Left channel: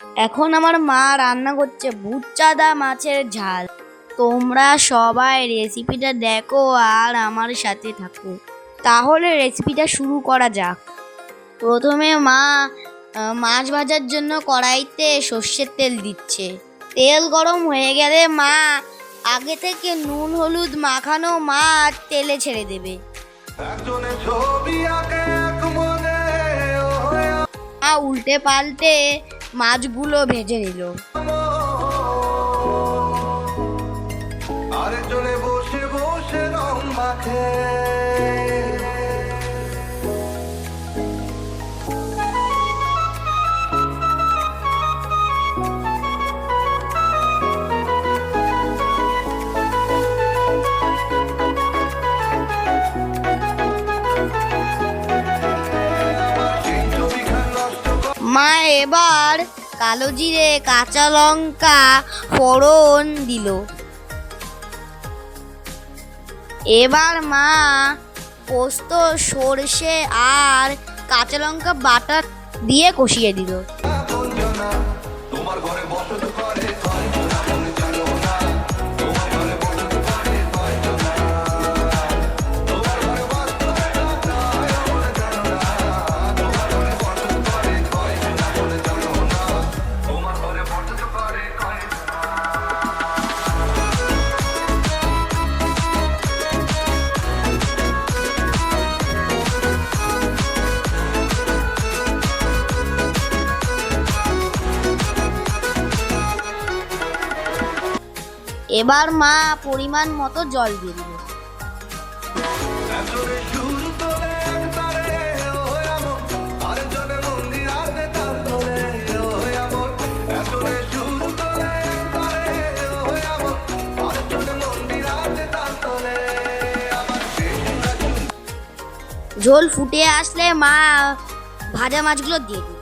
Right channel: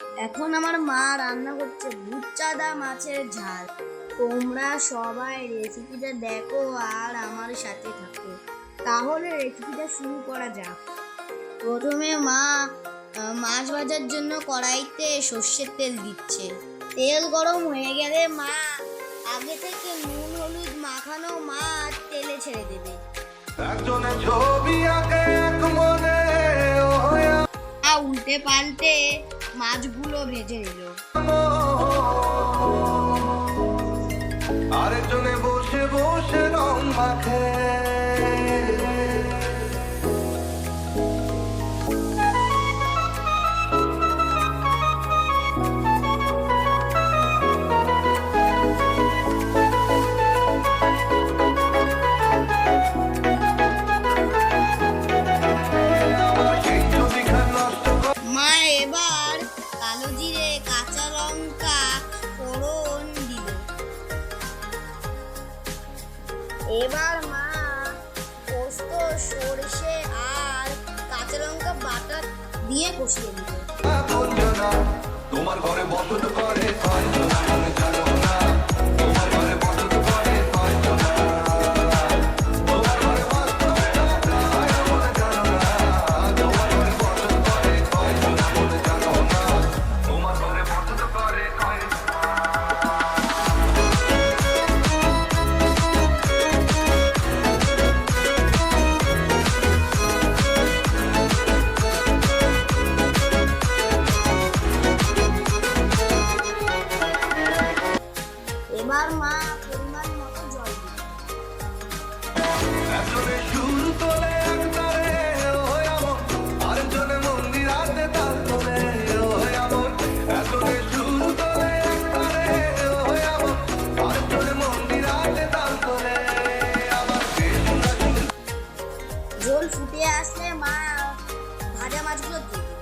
এখন আমার মা রান্না করছে ভুচ্চাদা মাছের ঝাল। তোমরা সবাই রেসিপিটা দেখো আর আমার সাথে থাকো। তাহলে রেসিপিটা শুরু করা যাক। প্রথমে মা মাছ ভাজার জন্য কড়াইতে সর্ষের তেল দিচ্ছে। তেল গরম হয়ে গেলে মা আগে থেকে নুন হলুদ মাখানো মাছ তেলে ছেড়ে দেবে। মা উল্টে পাল্টে মাছগুলো ভেজে নিল। আরেকজনে বসে বসে রং মাখে। মা এবার কালো জিরে কাঁচা লঙ্কা ফোড়ন দিল। এবার মা পোস্ত সর্ষে আর কাঁচা লঙ্কা বাটা দিয়ে কষিয়ে দিল। তোমার ঘরে বসত করে কয়জনা মনে জানো না, তোমার ঘরে বসত করে কয়জনা, তোমার ঘরে বসত মনে জানো না, তোমার ঘরে বসত করে কয়জনা মনে জানো না, তোমার ঘরে বসত করে কয়জনা। এবার মা পরিমাণ মতো জল দিল। একজনে সুর তোলে এক তারে ও এমন, আরেকজনে মন্দিরাতে তাল তোলে ও এমন, একজনে সুর তোলে এক তারে ও এমন, আরেকজনে মন্দিরাতে তাল তোলে। আবার বেসুরা সুর ঝোল ফুটে আসলে মা ভাজা মাছগুলো দিয়ে দিল।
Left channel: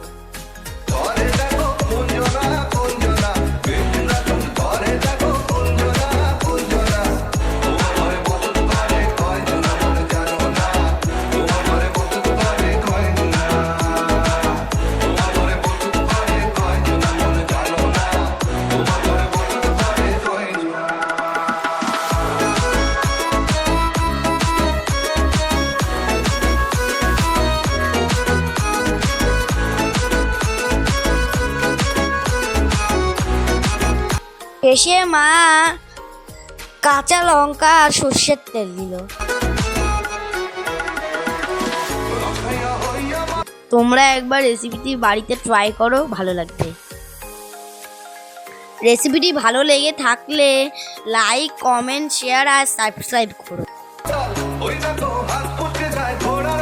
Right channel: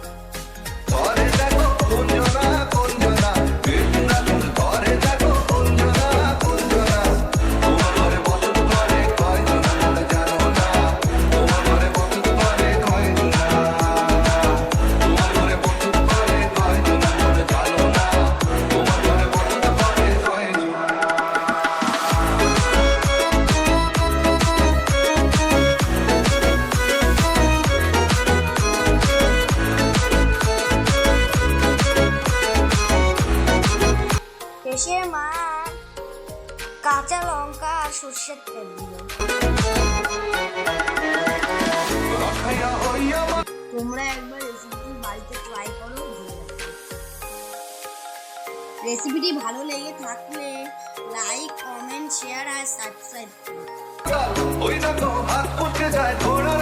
করে দেখো কোনজনা কোনজনা, বেসুরা সুর করে দেখো কোনজনা কোনজনা, তোমার ঘরে বসত করে কয়জনা মনে জানো না, তোমার ঘরে বসত করে কয়জনা, তোমার ঘরে বসত করে কয়জনা মনে জানো না, তোমার ঘরে বসত করে কয়জনা। শেষে মা কাঁচা লঙ্কা আর সর্ষের তেল দিল। তোমরা একবার রেসিপিটি বাড়িতে ট্রাই করো, ভালো লাগবে। রেসিপিটি ভালো লেগে থাকলে লাইক কমেন্ট শেয়ার আর সাবস্ক্রাইব করো। ওই দেখো হাত ফুটকে যায় ঘোড়ার